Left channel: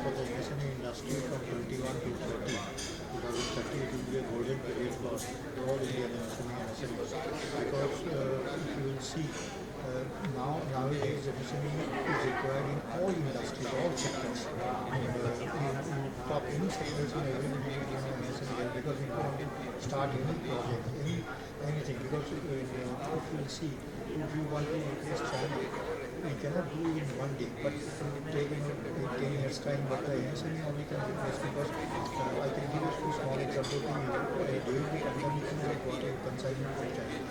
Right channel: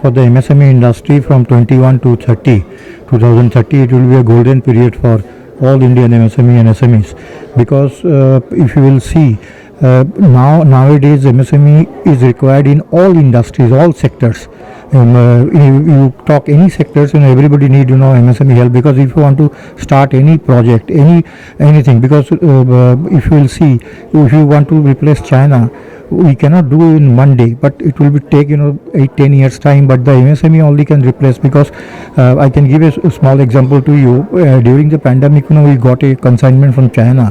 for the MSME industry from 21 to 30. 2030 it will be a golden period for all Indian MSME and SMEs, because if you will see, nowadays MSME is required in all industries, all sectors. You talk any sectors, everybody need MSME help, because if you want to start any project, anything, because if you will see, if you want to replace China, we cannot do in one day, but it will be take 8-10 years time, but the MSME only can replace, because I can give a small example to you. During the pandemic, we got a consignment from China,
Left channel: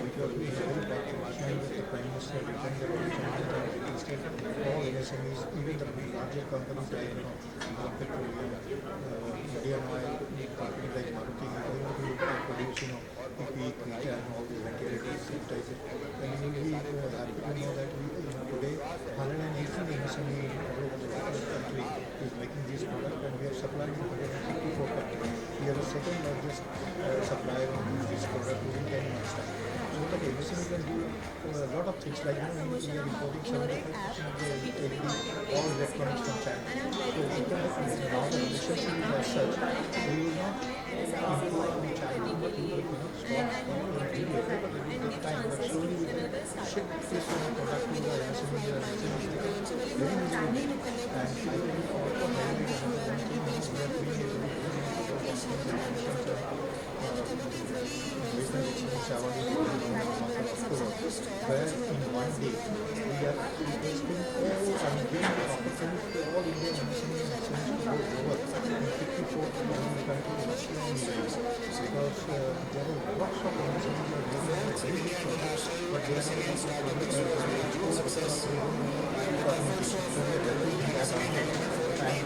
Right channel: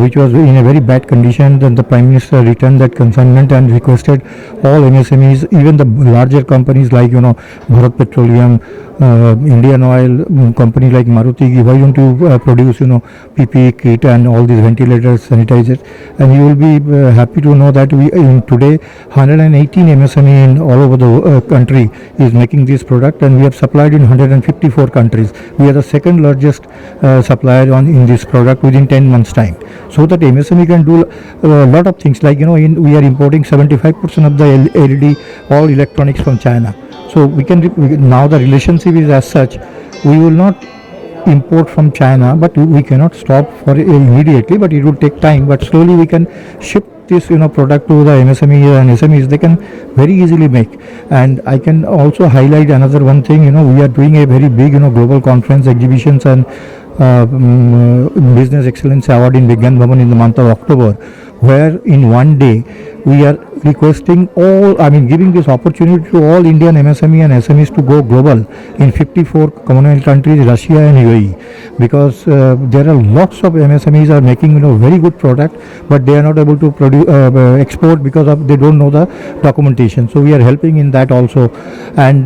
which was in a very bad condition. Then the Prime Minister returned that consignment and requested all MSMEs, even the larger companies like Bharat Petroleum, Indian Oil, company like Maruti, why don't you produce PPE kit and all these ventilators, sanitizers, and you will be happy to know that we in today 118 MSME in all over the country is making this product, and we have supplied in 154 countries. We are the second largest supplier in this product within 10 months time. So that MSME can do a lot of things, like we are importing 75% of the LED, all electronics from China. So we can now the relationship is as such. We will not import from China, but we cannot stop for immediately. But it will take time. But slowly we can ship this product to the MSME and SMEs. They can very easily make. And I can also highlight another one thing. We are doing a very big global conference, exhibitions, and Business Excellence Award in Vigyan Bhavan in the month of October, where in one day we are requesting giving this opportunity to all Indian MSME and SMEs to go global in 54 Commonwealth countries, Russia and UAE, because there are lots of MSMEs are making very good products, but they are not able to produce export because of they don't know the documentation. So we are helping in that also, and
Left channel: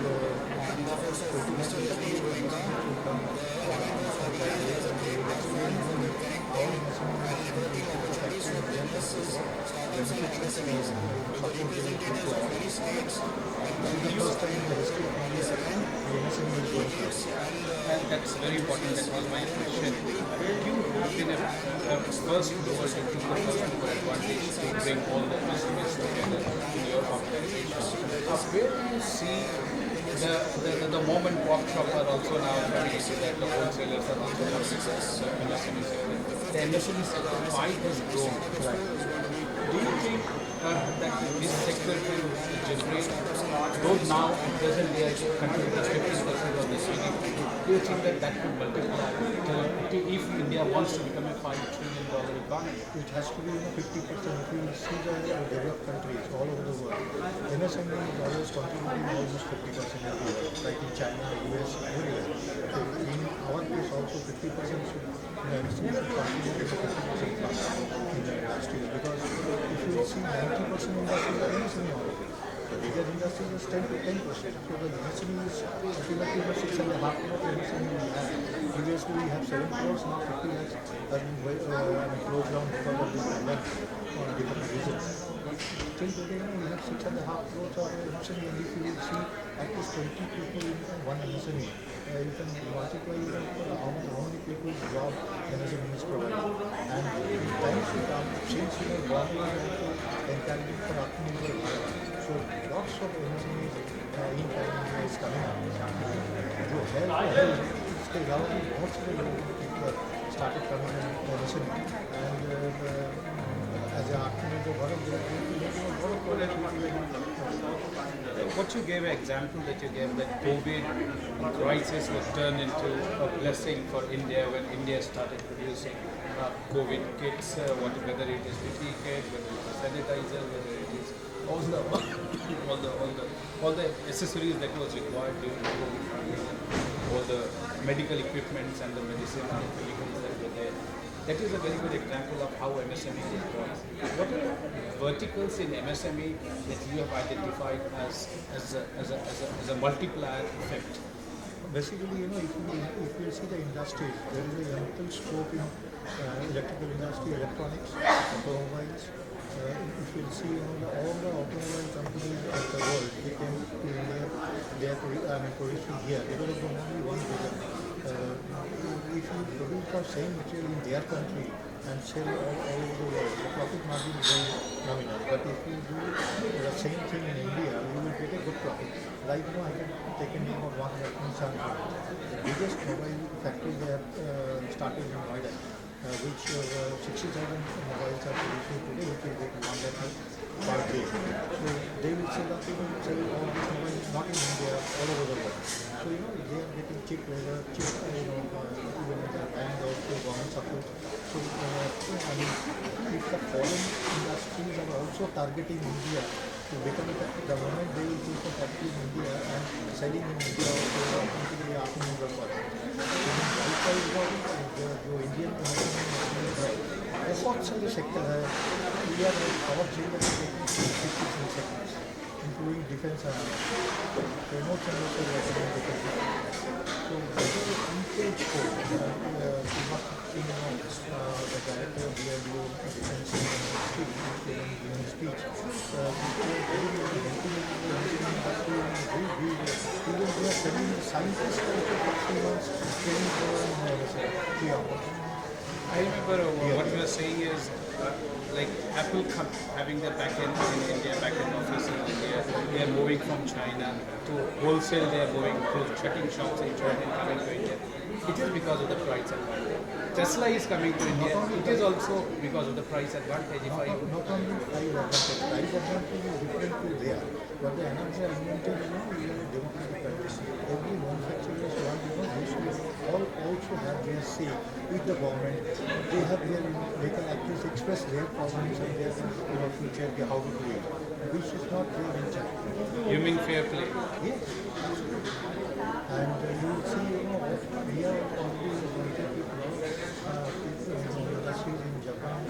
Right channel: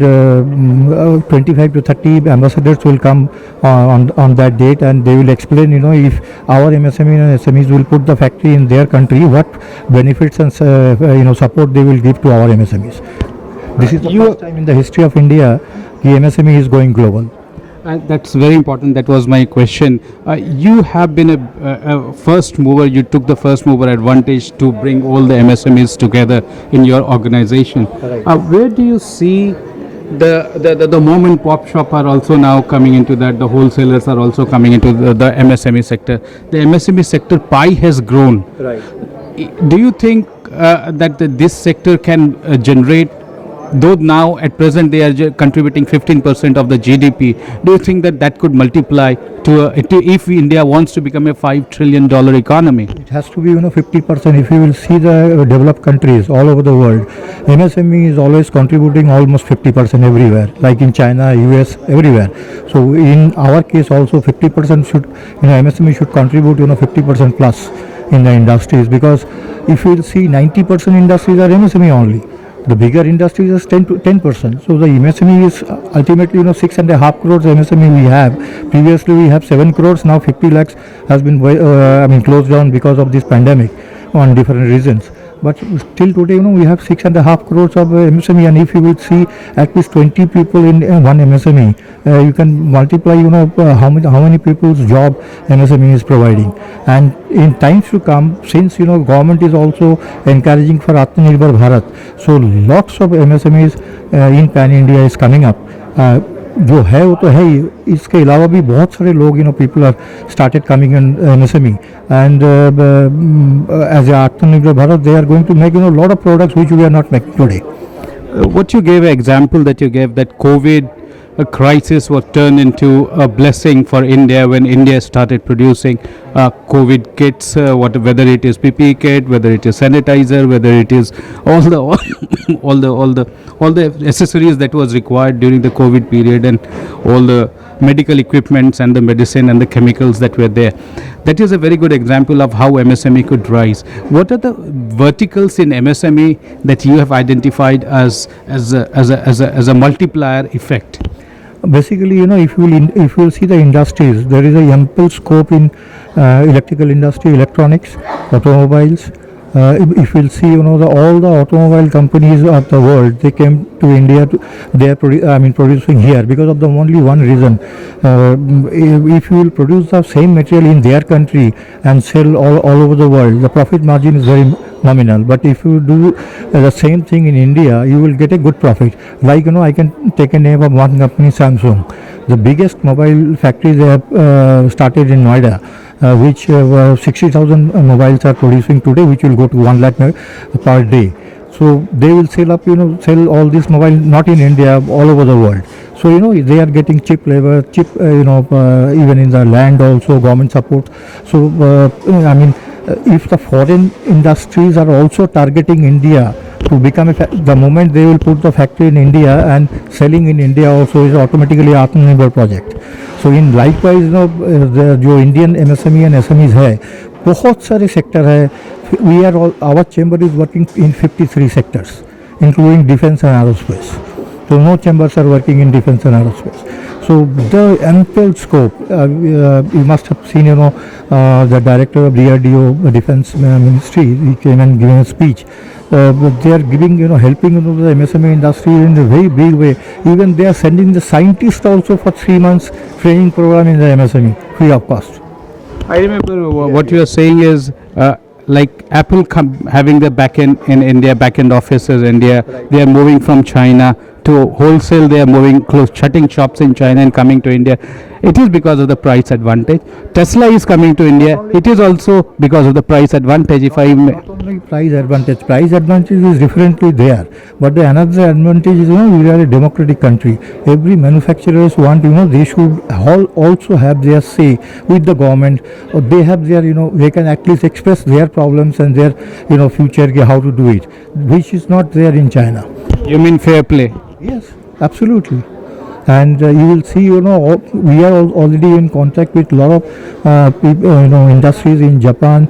25 to 30 ambassadors will come on that date, and they will explain if our MSME and SMEs will put the factory in their country, what benefits and support they will give to our MSMEs. This is the first time in the history of India the MSME is going global. That's very important. That was my question. You have been a first mover. You took the first mover advantage to bring all the MSMEs together in your organization. Right. Where do you see the mom and pop shop are also now coming into that? The wholesalers are also coming into the MSME sector. The MSME sector pie has grown. Right. Do you think that this sector can generate, though now at present they are contributing 15% of the GDP, do you think that could multiply to if India wants to become a $5 trillion economy? It has to be 50%. If you will see the developed countries all over the world, MSME is always contributing almost 50% everywhere, like in China, US, everywhere. So in our case also 50% should, MSME should contribute 50% plus in the industries, because if you will see 90% industries are MSME only. The bigger industries is 10%. So the MSME is ultimately 6.5 crores MSME we have. Previously we have 7 crores. Now 50 lakhs has been closed down because of this pandemic on different reasons. But still today we have 6.5 crores of MSME, and if you will see at least 20 people in one MSME, you can multiply how many people's job MSME is providing. And in times to come, since government is also encouraging for Atmanirbhar Bharat, so lots of MSMEs in pan India is coming up. जो है वो तो है ही, इसके अलावा भी बहुत सारे लोग people have started coming in MSME, and as Atmanirbhar Bharat they are going to make lot of products which we are not making today. What you gave an example that you gave, that COVID crisis was turned into a blessing for India when India started producing COVID kits, whether it is PPE kit, whether it is sanitizer, whether it is all the accessories that was required during the COVID period, and all the medical equipments and the medicine and the chemicals that were there. That is a very good example of how MSME could rise. What are the verticals in MSME that you have identified as a multiplier effect? Basically, if you will see the industries, there is a ample scope in electrical industry, electronics, automobiles, If we'll see, all the automobile companies of the world, they came to India. They are producing here because of the only one reason. If you will produce the same material in their country and sell all over the world, the profit margin is very nominal. But if you do the same thing in India, you will get a good profit. Like, I can take a name of one company, Samsung. The biggest mobile factory they have started in Noida, which 60,000 mobiles are producing today, which will go to 1 lakh per day. So they will sell all these mobiles not in India, all over the world. So they are getting cheap labor, even in the land also, government support. So if the foreign industries are also targeting India to become the moment they will put the factory in India and selling in India also is automatically Atmanirbhar project. So in likewise जो Indian MSME and SMEs है, बहुत सारे sector है. We are our chamber is working in 53 sectors, including defense and aerospace. So no chambers are working in defense and aerospace. So the ample scope. You must have seen, the director of DRDO, Defense Ministry, he came and given a speech. They are giving, helping the MSME industry in a very big way. Even they are sending the scientists also for 3 months training program in the MSME, free of cost. I remember what you are saying is like Apple having the backend in India, backend offices in India, they are moving from China to wholesale, they are moving shutting shops in China and coming to India. It is because of the price advantage. Tesla is coming to India. It is also because of the price advantage. If I may. Not only price advantage is differently there. But the another advantage is, we are a democratic country. Every manufacturers want, they should also have their say with the government. Or they have their, they can at least express their problems and their, future, how to do it, which is not there in China. You mean fair play? Yes, absolutely. And you will see, we are already in contact with a lot of industries in Japan,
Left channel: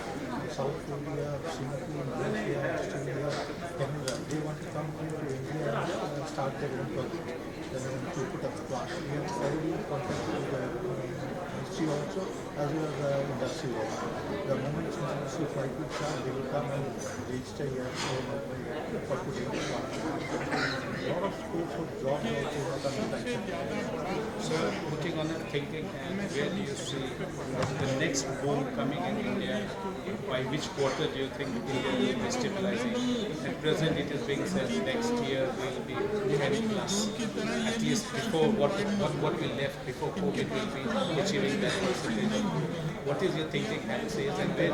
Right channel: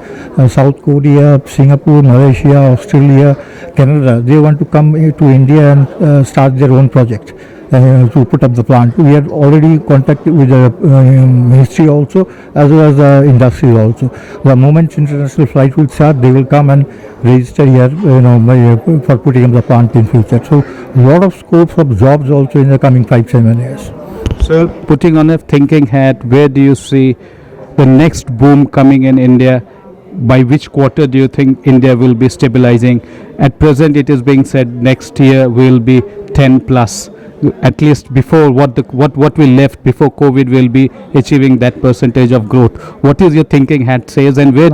South Korea, Singapore, Malaysia, Australia, Canada. They want to come to India and start their own project to put up the plant. We have already contacted with the ministry also, as well as the industry also. The moment international flight will start, they will come and register here, for putting up the plant in future. So a lot of scopes of jobs also in the coming 5-7 years. So putting on a thinking hat, where do you see the next boom coming in India? By which quarter do you think India will be stabilizing? At present, it is being said next year will be 10 plus. At least before what we left before COVID will be achieving that percentage of growth. What is your thinking hat says, and where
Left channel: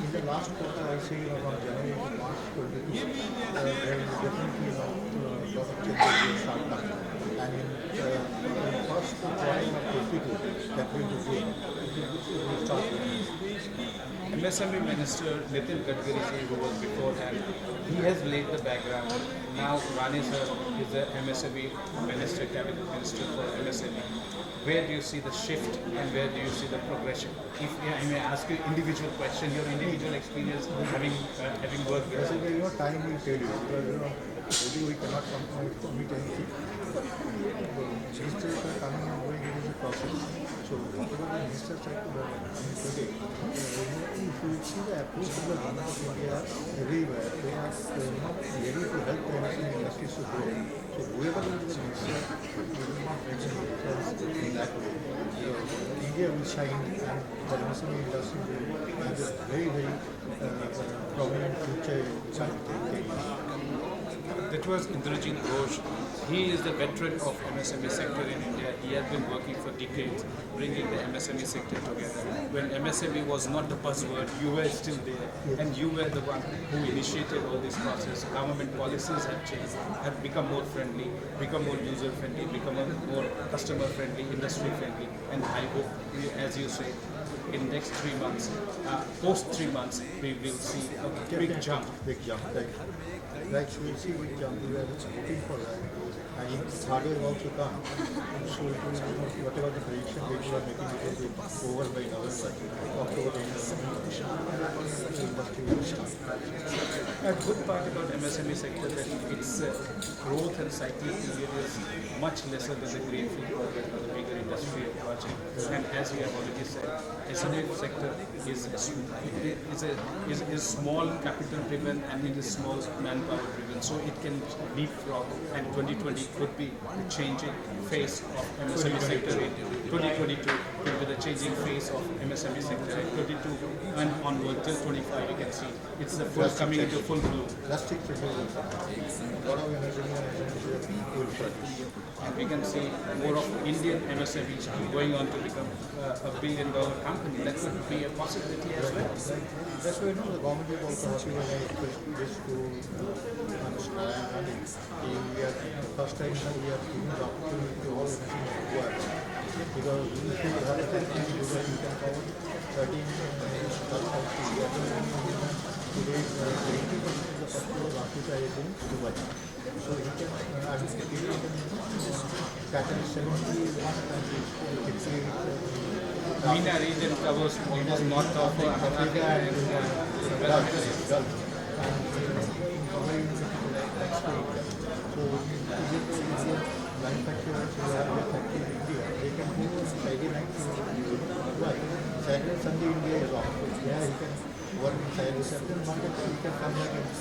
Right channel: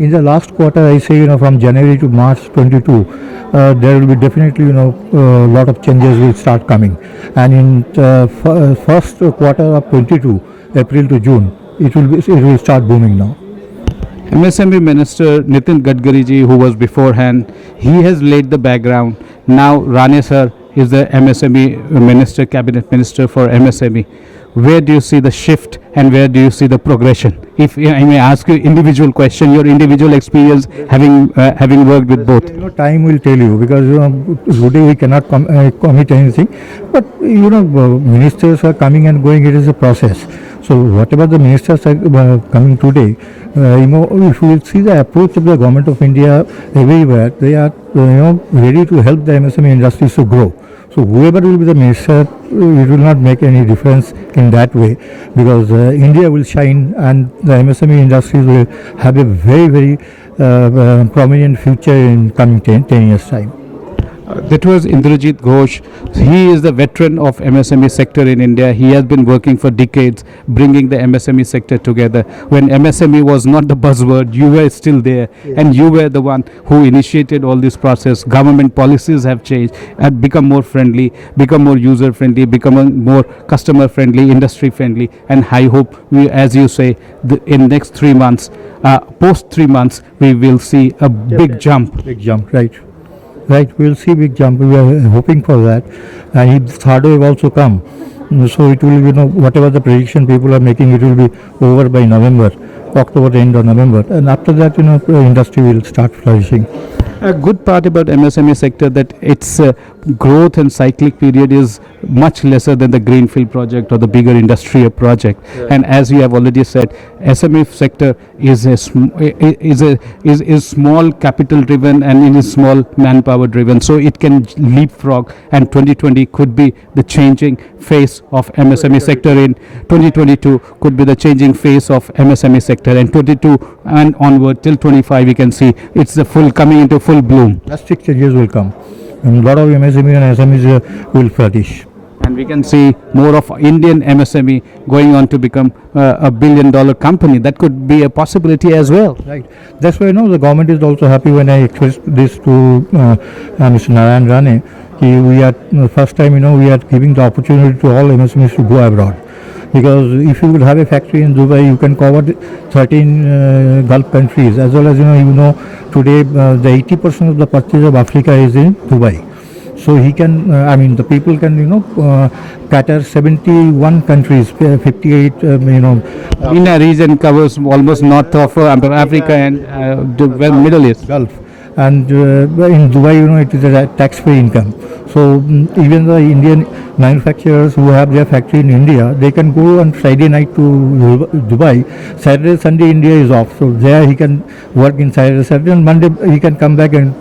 in the last quarter, I say, from January to March 22, there will be definitely, a lot of changes will start coming. And in first quarter of 22, April to June, it will start booming now. MSME Minister Nitin Gadkari ji, who was beforehand, he has laid the background. Now Rane sir is the MSME Minister, Cabinet Minister for MSME. Where do you see the shift and where do you see the progression? If I may ask you individual question, your individual experience having worked with both. Time will tell you, because today we cannot commit anything. But ministers are coming and going. It is a process. So whatever the ministers are coming today, if you will see the approach of the government of India everywhere, they are ready to help the MSME industries to grow. So whoever will be the minister, it will not make any difference in that way, because India will shine and the MSME industries will have a very, very prominent future in coming 10 years' time. That was Indrajit Ghosh. He is the veteran of MSME sector in India. He has been working for decades, bringing the MSME sector together. When MSME was not the buzzword, you were still there, and you were the one who initiated all this process. Government policies have changed, have become more friendly, become more user friendly, become more customer friendly, industry friendly. And I hope we, as you say, in next 3 months, post 3 months, we will see a big jump. Big jump, right. Right, we will see big jump. We are hoping for that. And third wave also come. So it will be, whatever the prediction people are making, it will be over by November, October, the end of November. And after that, the industry will start flourishing. A good part about MSME sector that it's growth and cyclic period is much lesser than the greenfield project or the bigger industrial project. And as you have already said, SME sector is is small capital driven and it is small manpower driven, so it can leapfrog, and 2020 could be the changing face of MSME sector. In 2022 could be the changing face of MSME sector, and 22 and onward till 25 we can see it's the full coming into full bloom. Drastic changes will come. And a lot of MSME and SMEs will flourish. And we can see more of Indian MSME going on to become a $1 billion company. That could be a possibility as well. Right. That's why the government is also happy when I expressed this to Mr. Narayan Rane. We are first time we are giving the opportunity to all MSMEs to go abroad. Because if you will have a factory in Dubai, you can cover 13 Gulf countries, as well as today the 80% of the purchase of Africa is in Dubai. So he can, the people can, cater 71 countries, 58, MENA region covers almost north of Africa and Middle East. Gulf. And in Dubai, it is a tax-free income. So even the Indian manufacturers who have their factory in India, they can go on Friday night to Dubai. Saturday, Sunday, India is off. So there he can work in Saturday, and Monday he can come back and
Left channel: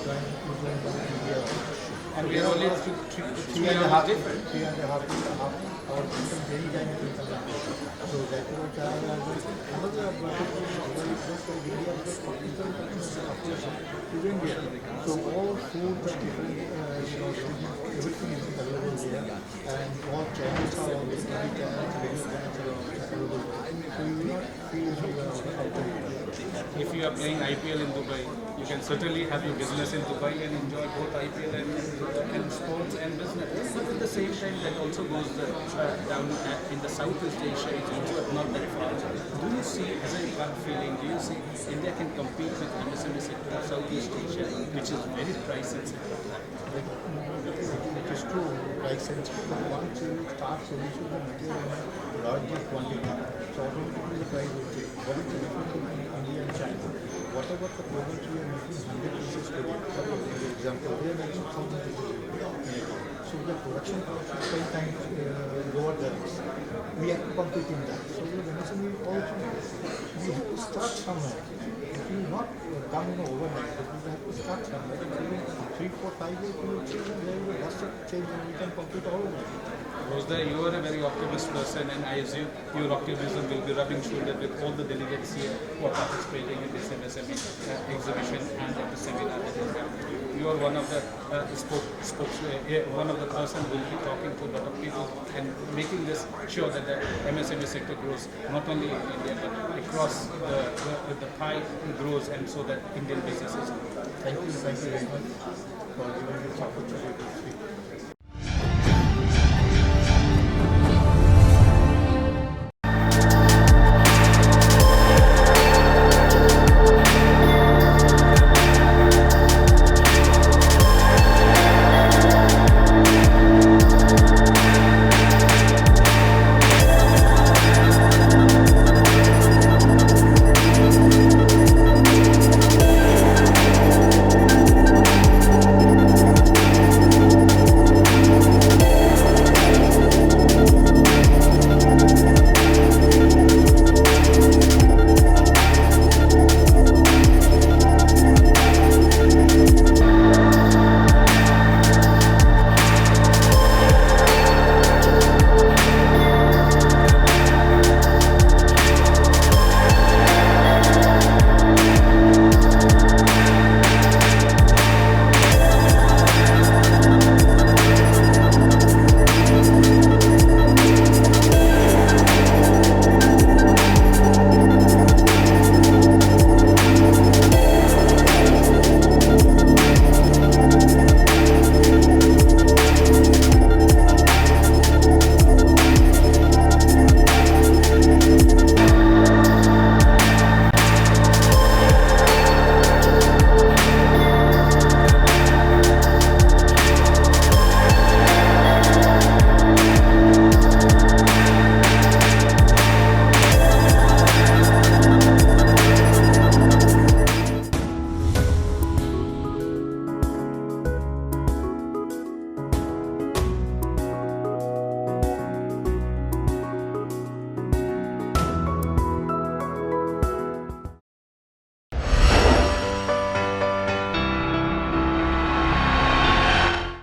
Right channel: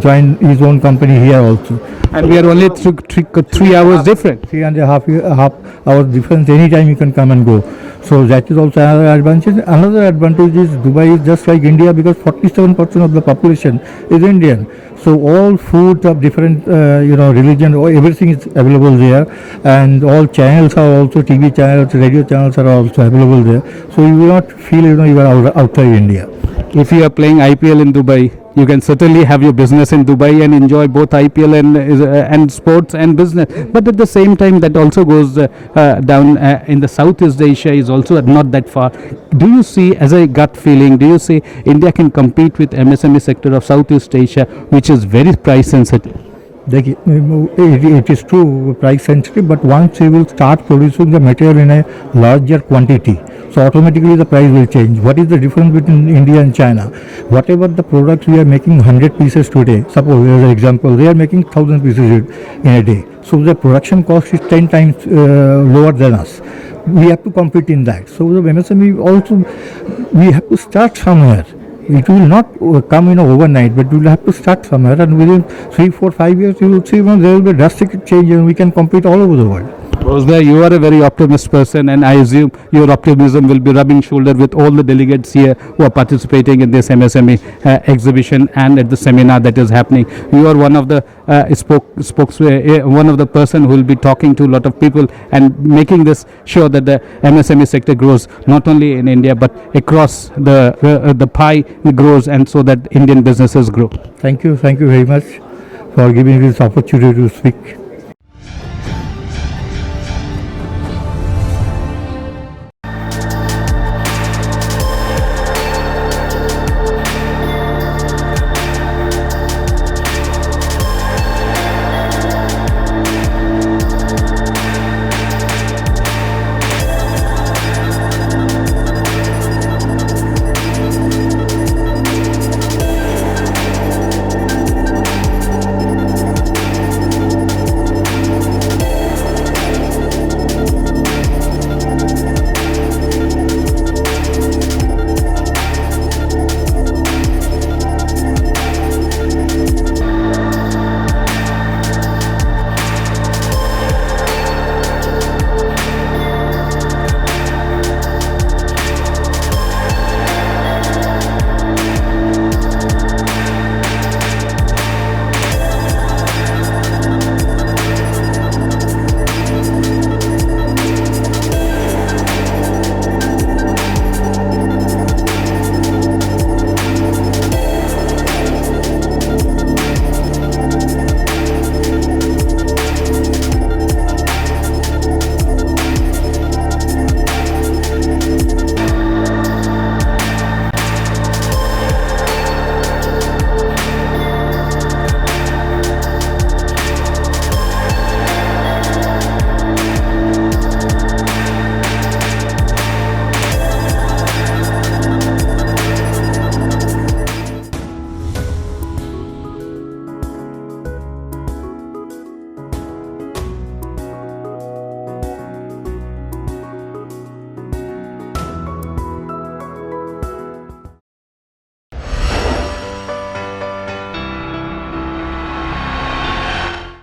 join his own company here also. And we are only 3 hours different. 3.5 hours difference. Anytime you can come and go. So that is also another advantage. Another advantage is Dubai is just like India because 47% of the population is Indian. So all food of different religion, everything is available there, and all channels are also TV channels, radio channels are also available there. So you will not feel you are outside India. If you are playing IPL in Dubai, you can certainly have your business in Dubai and enjoy both IPL and sports and business. But at the same time, that also goes down in the Southeast Asia is also not that far. Do you see, as a gut feeling, do you see India can compete with MSME sector of Southeast Asia, which is very price sensitive? It is true, price sensitive, but once you will start producing the material in a larger quantity, so automatically the price will change. What is the difference between India and China? Whatever the products we are making 100 pieces today, suppose as an example, they are making 1,000 pieces in a day. So the production cost is 10 times lower than us. We have to compete in that. So the MSME also, we have to start somewhere. It will not come overnight, but we will have to start somewhere, and within 3, 4, 5 years you will see there will be a drastic change and we can compete all over the world. Rosbhai, you are a very optimist person, and I assume your optimism will be rubbing shoulder with all the delegates here who are participating in this MSME exhibition and at the seminar that is happening. You are one of the one of the person who will be talking to a lot of people and making this sure that the MSME sector grows not only in India but across the pie grows, and so that Indian businesses grow. Thank you very much for giving me this opportunity to speak.